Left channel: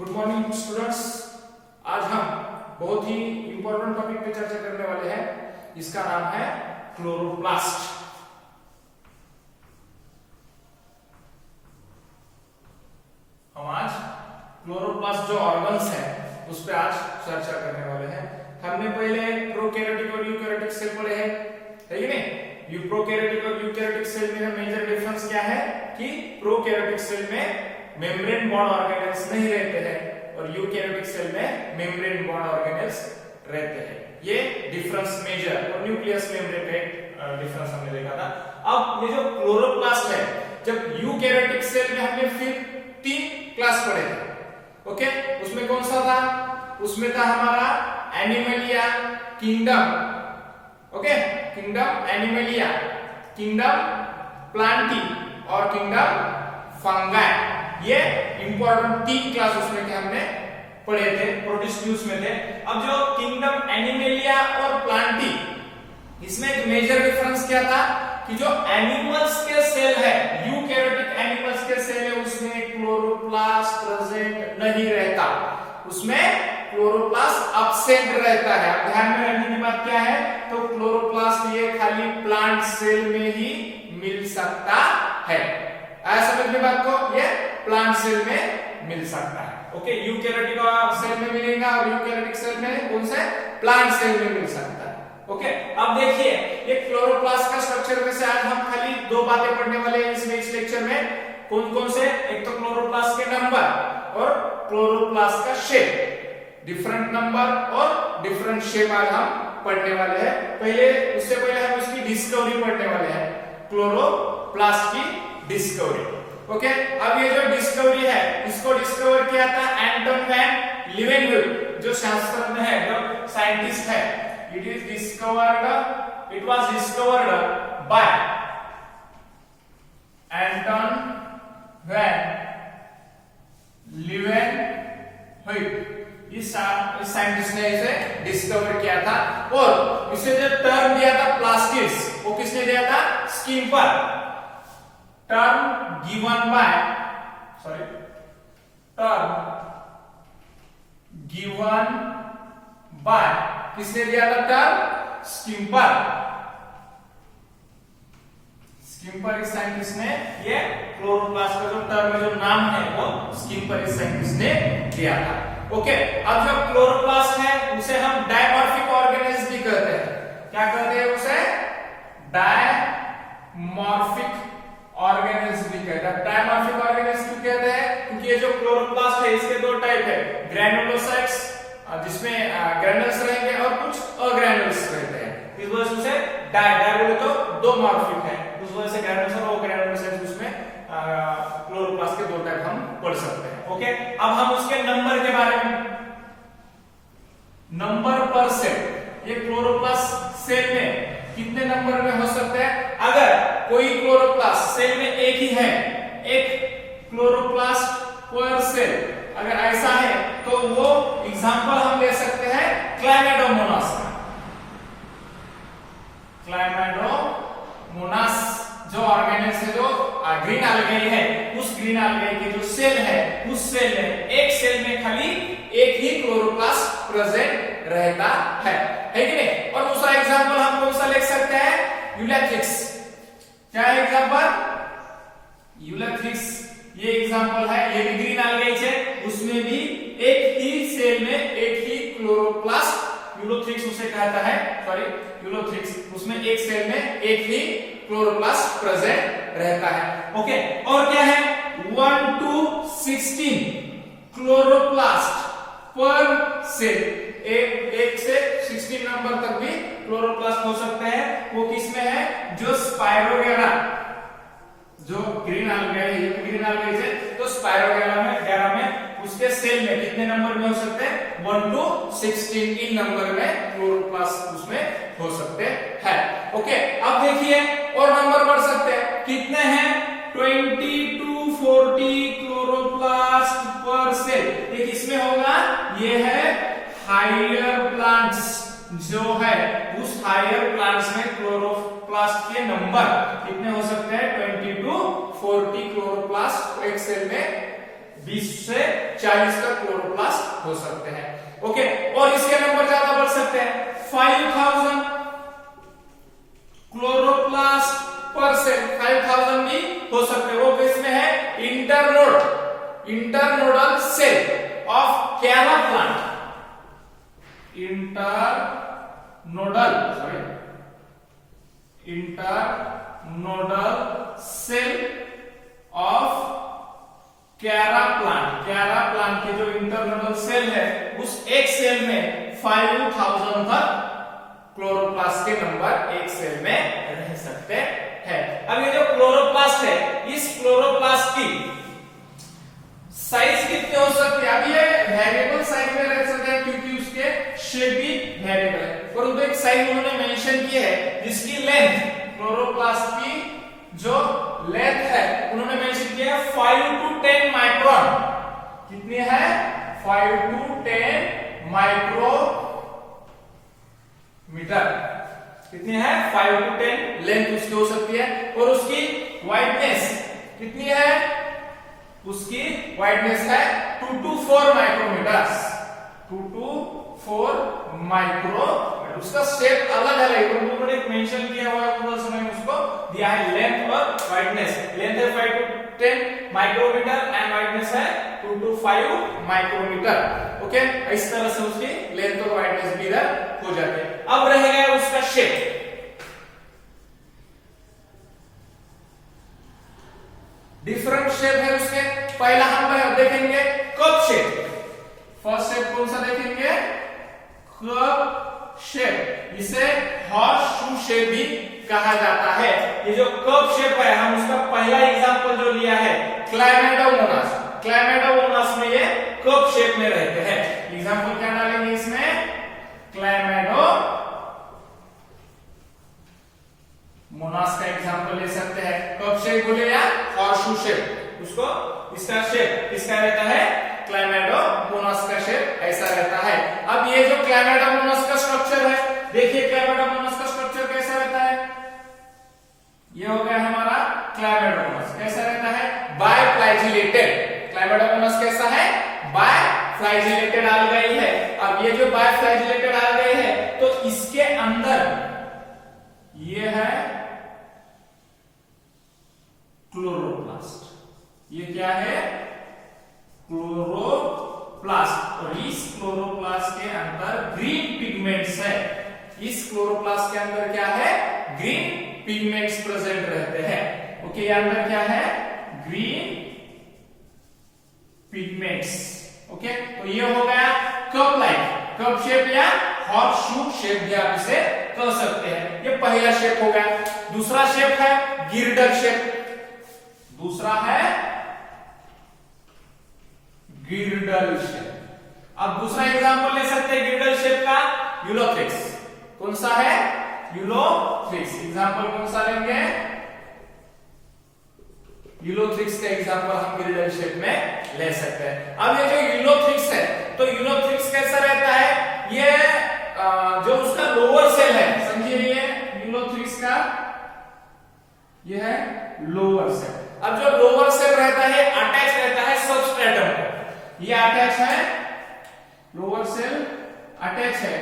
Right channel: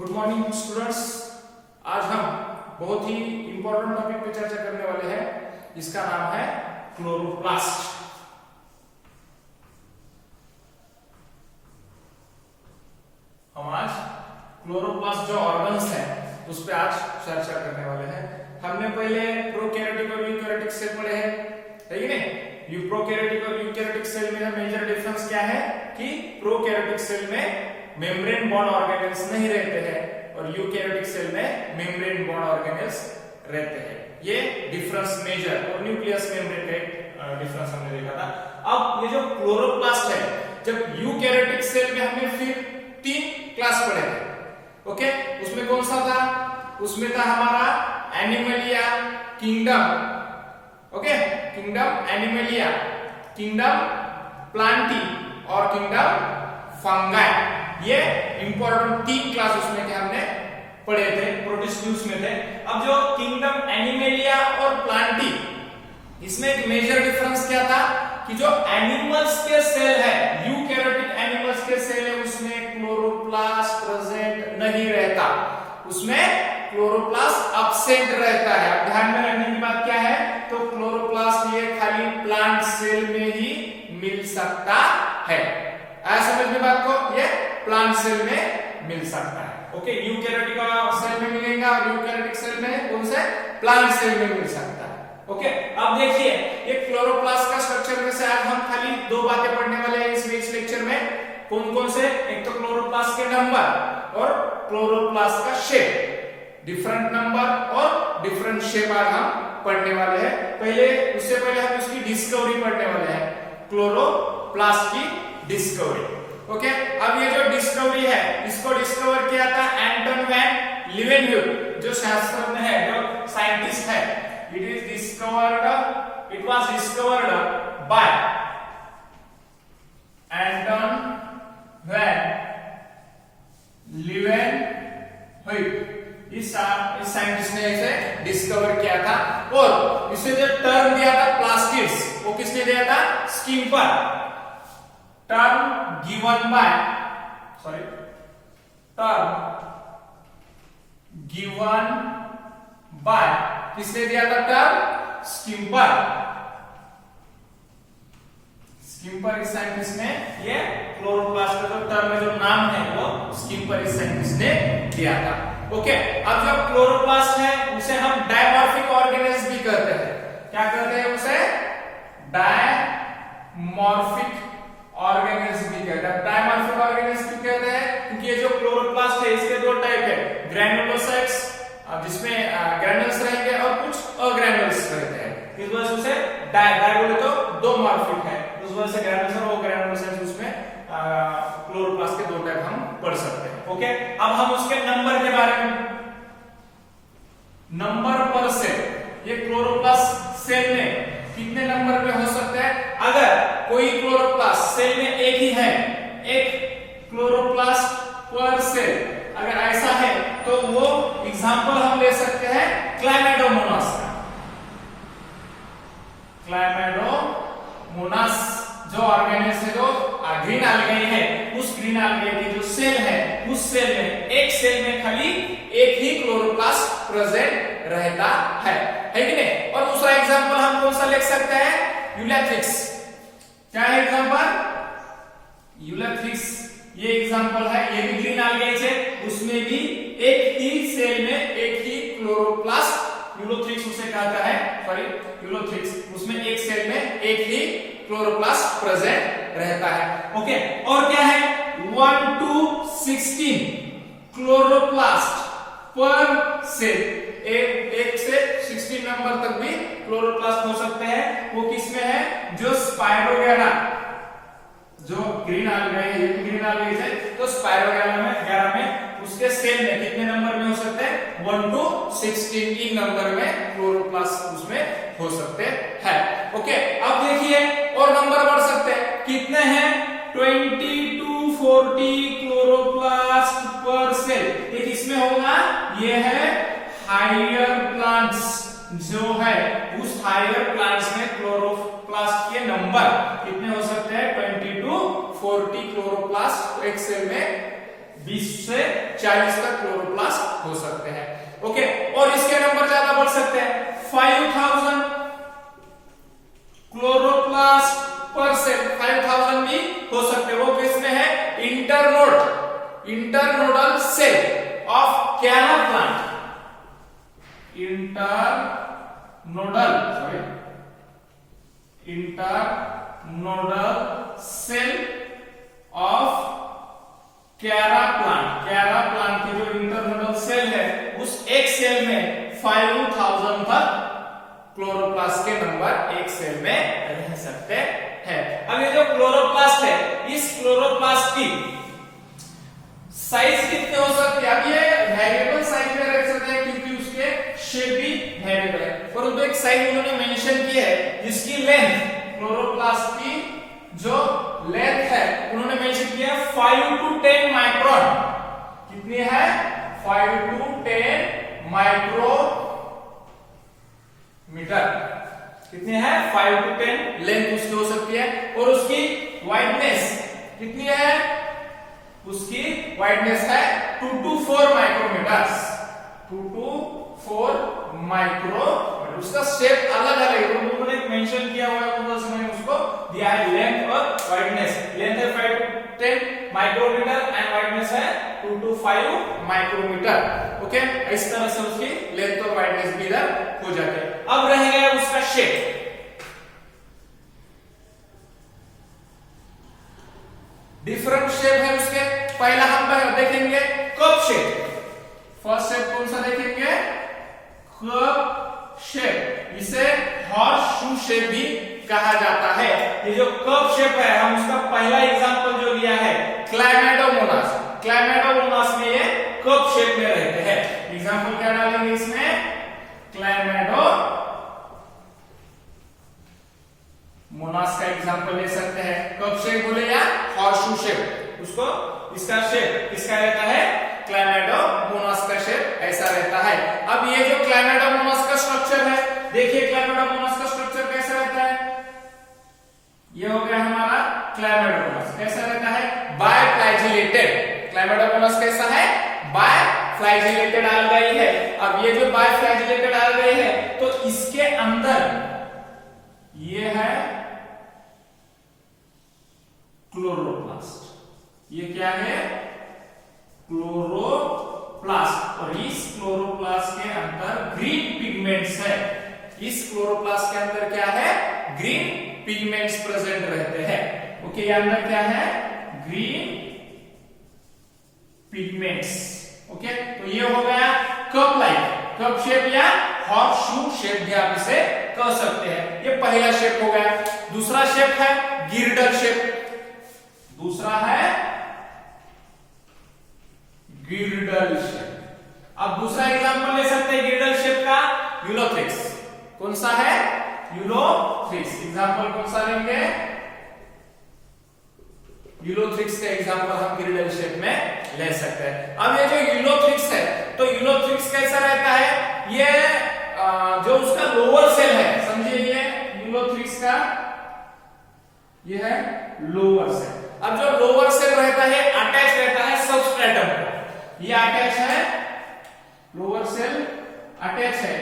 Good morning students. आज हम बहुत ही इंपॉर्टेंट टॉपिक पे चर्चा करने वाले हैं। इसका नाम है क्लोरोप्लास्ट। हम आज क्लोरोप्लास्ट जो ऑर्गन्स हैं उस पे आज चर्चा करने वाले हैं। हमने पहले प्रोकैरियोटिक और यूकैरियोटिक सेल पढ़े हैं, है कि नहीं? प्रोकैरियोटिक और यूकैरियोटिक सेल में मेजर डिफरेंस क्या है कि प्रोकैरियोटिक सेल में मेम्ब्रेन बॉन्ड ऑर्गेनेल्स नहीं रहते हैं और यूकैरियोटिक सेल में मेम्ब्रेन बॉन्ड ऑर्गेनेल्स रहते हैं। ये डिफरेंस मेजर और न्यूक्लियस मेम्ब्रेन का डिफरेंस हमने देखा था। अब ये जो क्लोरोप्लास्ट है, जब यूकैरियोटिक सेल में हमने फिर 3 क्लास पढ़े थे, ओके? उसमें कौन सा था? उसमें था हमारा Animalia kingdom, okay? Kingdom Animalia, kingdom Plantae और किंगडम फंगाई। ये इंपॉर्टेंट 3 क्लास उसमें के हमने पढ़े थे, प्रोटिस्ट्यूस में थे। अब जो किंगडम एनिमलिया और प्लांटी, इसमें एक मेजर डिफरेंस क्या था कि जो एनिमल्स के सेल है, यूकैरियोटिक एनिमल्स के सेल है, उसमें क्लोरोप्लास्ट प्रेजेंट नहीं रहता, उसमें क्लोरोप्लास्ट एब्सेंट रहता है। अब ध्यान में रखने की बात क्या है, तो क्लोरोप्लास्ट ये खाली प्लांट सेल में ही मिल सकता है। ऐसा समझने बात को, ये प्लांट सेल में मिल सकता है, ओके? यूकैरियोटिक सेल में मिलेगा और यूकैरियोटिक सेल में कौन से? प्लांट सेल में मिल सकता है, ओके? अब देखिए ये क्लोरोप्लास्ट का स्ट्रक्चर में से आज हम खाली 2 बातें पढ़ने वाले हैं इस लेक्चर में। कौन कौन से? एक तो क्लोरोप्लास्ट के नंबर और क्लोरोप्लास्ट का शेप, डिफरेंट नंबर और डिफरेंट शेप आज हम पढ़ने वाले हैं। उससे पहले हम इसकी डिस्कवरी पढ़ने वाले हैं, क्लोरोप्लास्ट की डिस्कवरी, ओके? अब ये जो डिस्कवरी है, इसको डिस्कवर किया था एंटन वैन लीवेनहुइज, जो शास्त्रज्ञ है, जो साइंटिस्ट है। It was discovered by Anton van Leeuwenhoek. इस साइंटिस्ट ने इसे डिस्कवर किया था और इसे जो टर्म दिया था प्लास्टिड्स, वो किसने दिया था? स्किम्पर। term given by किसने दिया था टर्म? स्किम्पर। स्किम्पर इस साइंटिस्ट ने ये क्लोरोप्लास्ट का जो टर्म है, जो नाम है, वो स्किम्पर इस साइंटिस्ट ने दिया था, ओके? अब जब क्लोरोप्लास्ट है उसे हम डायमॉर्फिक ऑर्गेनेल्स भी कहते हैं। क्या कहते हैं उसे? डायमॉर्फिक ऑर्गेनेल्स भी कहते हैं। डायमॉर्फिक ऑर्गेनेल्स क्यों कहते हैं? क्योंकि ये जो क्लोरोप्लास्ट है इसके 2 टाइप है, ग्रैनुलोसाइट्स जिसमें ग्रैनुल्स रहेंगे और कुछ अग्रैनुल्स रहते हैं। इस वजह से उसे डाय बोले तो 2 मॉर्फिक है, उस वजह से ग्रैनुल्स और अग्रैनुलोसाइट्स उसमें क्लोरोप्लास्ट के 2 टाइप हम पढ़ सकते हैं, ओके? अब हम उसके नंबर के बारे में, नंबर पर सेल, ये क्लोरोप्लास्ट सेल में कितने नंबर में हो सकता है? अगर कोई क्लोरोप्लास्ट सेल में एक ही है, एक क्लोरोप्लास्ट पर सेल अगर ऐसा है, तो वो एग्जांपल हम ले सकते हैं क्लैमाइडोमोनास का। क्लैमाइडोमोनास जो ऑर्गेनेल्स है, जो ग्रीन algae है, उस ग्रीन algae के जो सेल है, उस सेल में, एक सेल में खाली एक ही क्लोरोप्लास्ट प्रेजेंट रहता है कि नहीं? और दूसरा एग्जांपल हम कौन सा ले सकते हैं? यूलैथ्रिक्स। क्या है एग्जांपल? यूलैथ्रिक्स ये एग्जांपल है, ये भी ग्रीन algae है, उसमें भी एक ही सेल में एक ही क्लोरोप्लास्ट, यूलोथ्रिक्स उसे कहता है, यूलोथ्रिक्स, उसमें एक सेल में एक ही क्लोरोप्लास्ट प्रेजेंट रहता है, ओके? और क्या है? 1 to 16 क्लोरोप्लास्ट पर सेल, एक से 16 नंबर तक भी क्लोरोप्लास्ट हो सकते हैं। वो किसमें है? जो स्पाइरोगैरा, जो ग्रीन algae है, ये ग्रीन algae है, तो स्पाइरोगैरा में उसके सेल में कितने नंबर में हो सकते हैं? 1 to 16 नंबर में क्लोरोप्लास्ट उसमें हो सकते हैं, ओके? अब देखिए और नंबर बढ़ सकते हैं, कितने हैं? 20 to 40 क्लोरोप्लास्ट पर सेल। ये किसमें होगा? ये है हायर प्लांट्स, जो है उस हायर प्लांट्स में क्लोरोप्लास्ट के नंबर कितने हो सकते हैं? 20 to 40 क्लोरोप्लास्ट एक सेल में 20 से 40 तक क्लोरोप्लास्ट हो सकते हैं। ओके, और इसके नंबर ज्यादा बढ़ सकते हैं, 5000 क्लोरोप्लास्ट पर सेल, 5000 भी हो सकते हैं। वो किसमें है, internodal cell of Chara plant, internodal cell of Chara plant के जो इंटरनोडल सेल है उस एक सेल में 5000 तक क्लोरोप्लास्ट के नंबर एक सेल में रह सकते हैं। अब ये जो क्लोरोप्लास्ट है, इस क्लोरोप्लास्ट की साइज कितने हो सकती है, अब ये वेरिएबल साइज में रह सकते हैं क्योंकि उसके शेप भी वेरिएबल है, परंतु एक साइज उन्होंने मेंशन की है जिसकी लेंथ, क्लोरोप्लास्ट की जो लेंथ है उन्होंने मेंशन किया है 5 to 10 माइक्रोन। कितनी है, 5 to 10 माइक्रोमीटर। कितनी है, 5 to 10 लेंथ उसकी हो सकती है, और उसकी वाइडनेस कितनी है, उसकी वाइडनेस है 2 to 4 माइक्रोमीटर्स, 2 to 4 माइक्रोमीटर। उसका शेप अलग अलग है, उन्होंने एक मेंशन किया हुआ है, मैंने उसको दिया है लेंथ और वाइडनेस। लेंथ है 5 to 10 माइक्रोमीटर एंड वाइडनेस है 2 to 5 माइक्रोमीटर। ओके, इस तरह से उसकी लेंथ और वाइडनेस भी इधर हो जाती है। अब रह गया उसका शेप। डिफरेंट शेप है उसके। पहला हम देखेंगे कप शेप। फर्स्ट शेप कौन सा देखेंगे, कप शेप। इसे हॉर्स शू शेप भी कहा जाता है। ये जो कप शेप है, हम उसका पहला एग्जांपल जो लिया है क्लैमाइडोमोनास, क्लैमाइडोमोनास में ये कप शेप में रहते हैं। एग्जांपल क्या डालेंगे इसमें, क्लैमाइडोमोनास का एग्जांपल ले सकते हैं। कप शेप बोले या हॉर्स शू शेप, उसको इसका शेप किसका रहता है, क्लैमाइडोमोनास का शेप ऐसा रहता है। अब ये जो क्लैमाइडोमोनास का स्ट्रक्चर है, देखिए क्लैमाइडोमोनास का स्ट्रक्चर कैसा रहता है, ये हो गया हमारा क्लैमाइडोमोनास। कैसा रहता है, बायफ्लैजिलेटेड। क्लैमाइडोमोनास कैसा है, बायफ्लैजिलेटेड अलगाई है। अब ये जो बायफ्लैजिलेटेड अलगाई है, तो इसके अंदर ये है क्लोरोप्लास्ट। ये क्या है, क्लोरोप्लास्ट। और इस क्लोरोप्लास्ट के अंदर ग्रीन पिगमेंट्स है। इस क्लोरोप्लास्ट के अंदर क्या है, ग्रीन पिगमेंट्स प्रेजेंट रहते हैं। ओके, ये अंदर क्या है, ग्रीन पिगमेंट्स। ओके, तो ये हो गया कप लाइक, कप शेप या हॉर्स शू शेप भी आप इसे कह सकते हैं। ये पहला शेप हो गया। दूसरा शेप है गिरडल शेप। दूसरा है गिरडल शेप। अब दूसरा एग्जांपल ले सकते हैं गिरडल शेप का, यूलोथ्रिक्स। कौन सा है, यूलोथ्रिक्स। एग्जांपल कौन सा लेंगे, यूलोथ्रिक्स का एग्जांपल हम गिरडल शेप में ले सकते हैं। अब ये जो यूलोथ्रिक्स है, तो यूलोथ्रिक्स कैसा रहता है, ये जो उसका लोअर सेल है, समझिए ये यूलोथ्रिक्स का ये है लोअर सेल। अब जो लोअर सेल रहता है अटैच रहता है सबस्ट्रेटम को। ये अटैच है, लोअर सेल अटैच है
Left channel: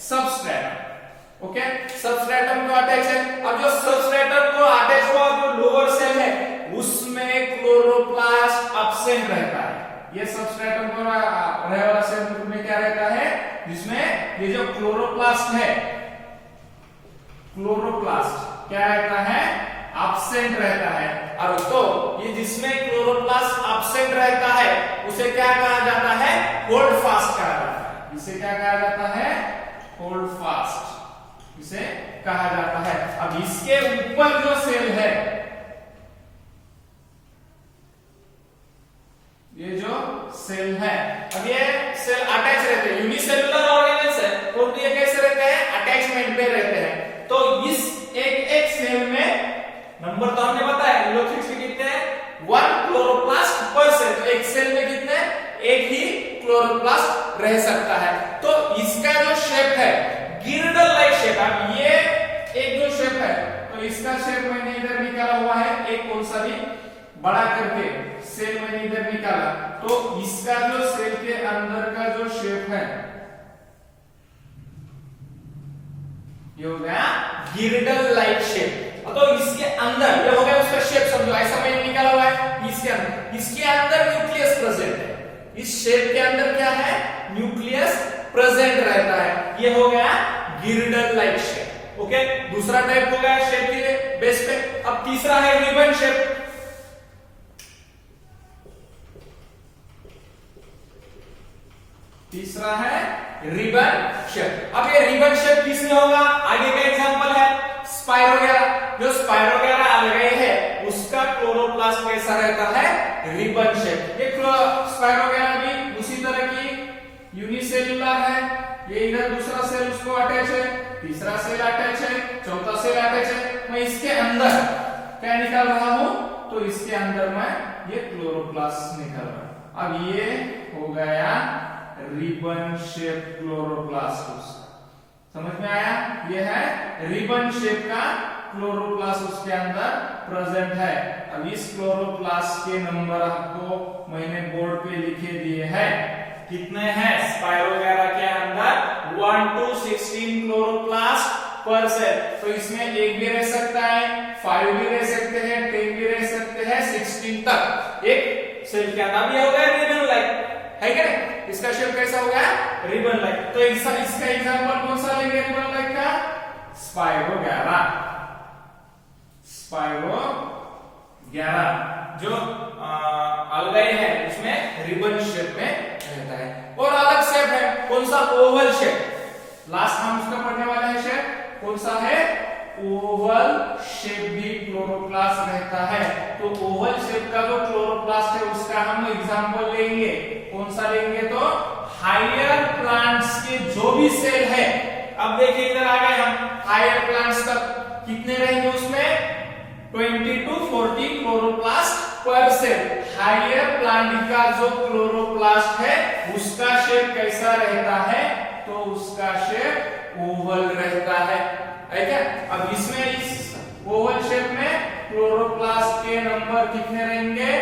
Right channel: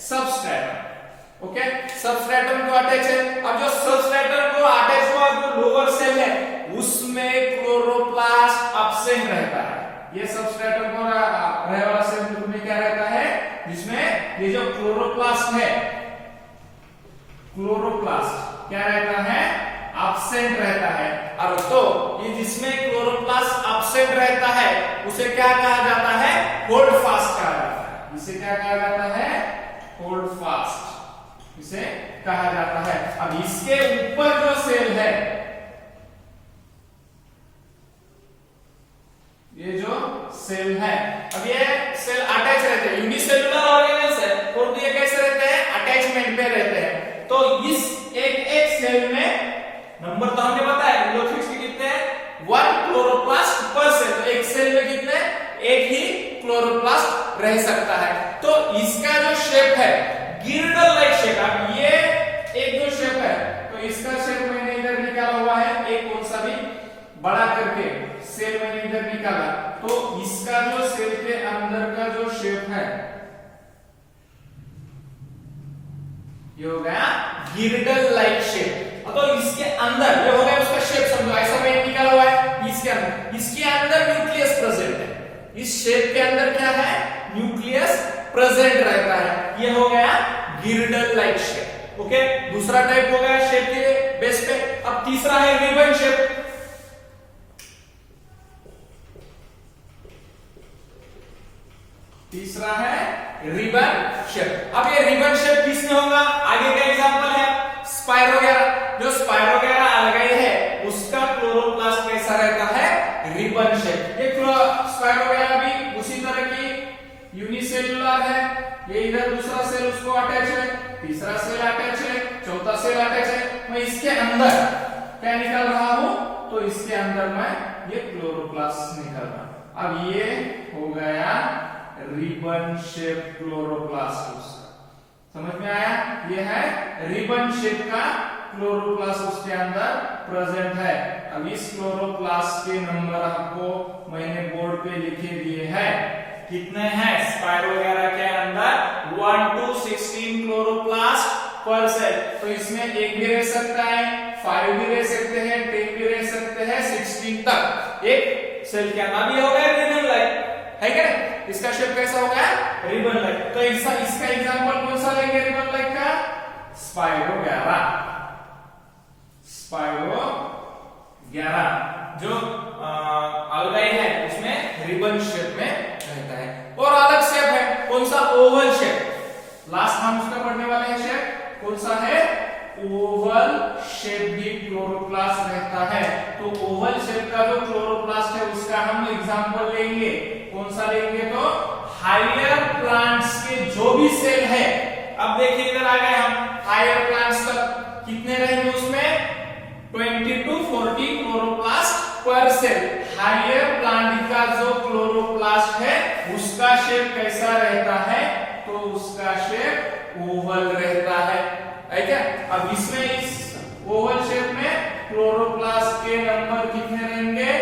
सबस्ट्रेटम। ओके, सबस्ट्रेटम को अटैच है। अब जो सबस्ट्रेटम को अटैच हुआ जो लोअर सेल है उसमें क्लोरोप्लास्ट एब्सेंट रहता है। ये सबस्ट्रेटम को रहने वाला सेल में क्या रहता है, जिसमें ये जो क्लोरोप्लास्ट है, क्लोरोप्लास्ट क्या रहता है, एब्सेंट रहता है। अब तो ये जिसमें क्लोरोप्लास्ट एब्सेंट रहता है उसे क्या कहा जाता है, होल्ड फास्ट कहा जाता है। इसे क्या कहा जाता है, होल्ड फास्ट इसे कहा जाता है। अब इसके ऊपर जो सेल है, ये जो सेल है, अब ये सेल अटैच रहते हैं, यूनिसेलुलर ऑर्गेनेल्स है, और ये कैसे रहते हैं, अटैचमेंट पे रहते हैं। तो इस एक सेल में नंबर तो हमने बताया यूलोथ्रिक्स के कितने हैं, 1 क्लोरोप्लास्ट पर सेल। तो एक सेल में कितने, एक ही क्लोरोप्लास्ट रह सकता है। तो इसका जो शेप है गिरडल लाइक शेप। अब ये एक जो शेप है, तो इसका शेप मैंने इधर निकाला हुआ है, एक कौन सा भी बड़ा करके सेल मैंने इधर निकाला, तो इसका इसका जो सेल के अंदर का जो शेप है ये हो गया गिरडल लाइक शेप। तो इसके अंदर ये हो गया उसका शेप, समझो ऐसा मैंने निकाला हुआ है। इसके अंदर न्यूक्लियस प्रेजेंट है। इस शेप के अंदर क्या है, न्यूक्लियस प्रेजेंट रहता है। ये हो गया गिरडल लाइक शेप। ओके, दूसरा टाइप हो गया शेप के लिए बेस पे। अब तीसरा है रिबन शेप। तीसरा है रिबन शेप। अब ये रिबन शेप किसमें होगा, आगे का एग्जांपल है स्पाइरोगेरा। जो स्पाइरोगेरा अलगाई है उसका क्लोरोप्लास्ट कैसा रहता है, रिबन शेप। ये स्पाइरोगेरा भी उसी तरह की यूनिसेलुलर है। ये इधर दूसरा सेल उसको अटैच है, तीसरा सेल अटैच है, चौथा सेल अटैच है। मैं इसके अंदर क्या निकाल रहा हूं, तो इसके अंदर मैं ये क्लोरोप्लास्ट निकाल रहा हूं। अब ये हो गया रिबन शेप क्लोरोप्लास्ट। समझ में आया, ये है रिबन शेप का क्लोरोप्लास्ट उसके अंदर प्रेजेंट है। अब इस क्लोरोप्लास्ट के नंबर आपको मैंने बोर्ड पे लिखे दिए हैं। कितने हैं स्पाइरोगेरा के अंदर, 1 to 16 क्लोरोप्लास्ट पर सेल। तो इसमें 1 भी रह सकता है, 5 भी रह सकते हैं, 10 भी रह सकते हैं, 16 तक एक सेल के अंदर भी हो गया रिबन लाइक, है क्या। इसका शेप कैसा हो गया, रिबन लाइक। तो इसका एग्जांपल कौन सा लेंगे रिबन लाइक का, स्पाइरोगेरा। स्पाइरोगेरा जो अलगाई है उसमें रिबन शेप में रहता है। और अलग शेप है कौन सा, ओवल शेप। लास्ट हम उसका पढ़ने वाले हैं शेप कौन सा है, ओवल शेप भी क्लोरोप्लास्ट रहता है। तो ओवल शेप का जो क्लोरोप्लास्ट है उसका हम एग्जांपल लेंगे, कौन सा लेंगे, तो हायर प्लांट्स के जो भी सेल है। अब देखिए इधर आ गए हम हायर प्लांट्स तक, कितने रहेंगे उसमें 20 to 40 क्लोरोप्लास्ट पर सेल। हायर प्लांट का जो क्लोरोप्लास्ट है उसका शेप कैसा रहता है, तो उसका शेप ओवल रहता है क्या। अब इसमें इस ओवल शेप में क्लोरोप्लास्ट के नंबर कितने रहेंगे,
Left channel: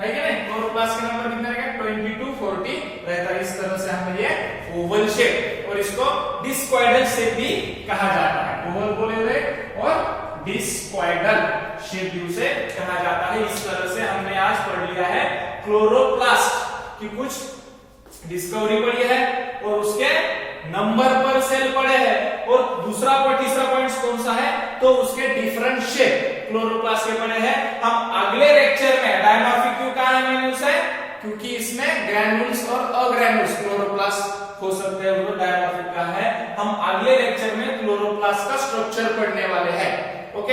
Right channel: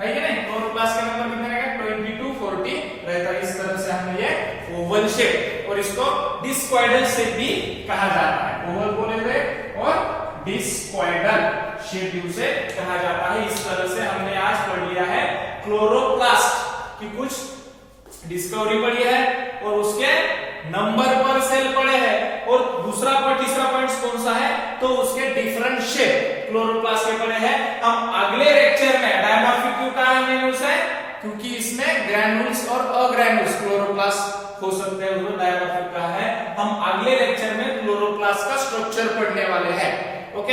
है क्या नहीं, क्लोरोप्लास्ट के नंबर कितने रहेंगे, 20 to 40 रहता है। इस तरह से हमें ये ओवल शेप, और इसको डिस्क्वाइडल शेप भी कहा जाता है। ओवल बोले हुए और डिस्क्वाइडल शेप भी उसे कहा जाता है। इस तरह से हमने आज पढ़ लिया है क्लोरोप्लास्ट की कुछ डिस्कवरी पढ़ी है और उसके नंबर पर सेल पढ़े हैं। और दूसरा तीसरा पॉइंट कौन सा है, तो उसके डिफरेंट शेप क्लोरोप्लास्ट के पढ़े हैं। हम अगले लेक्चर में डायमॉर्फिक क्यों कहा है मैंने उसे, क्योंकि इसमें ग्रैनुल्स और अग्रैनुल्स क्लोरोप्लास्ट हो सकते हैं, वो डायमॉर्फिक का है। हम अगले लेक्चर में क्लोरोप्लास्ट का स्ट्रक्चर पढ़ने वाले हैं। ओके।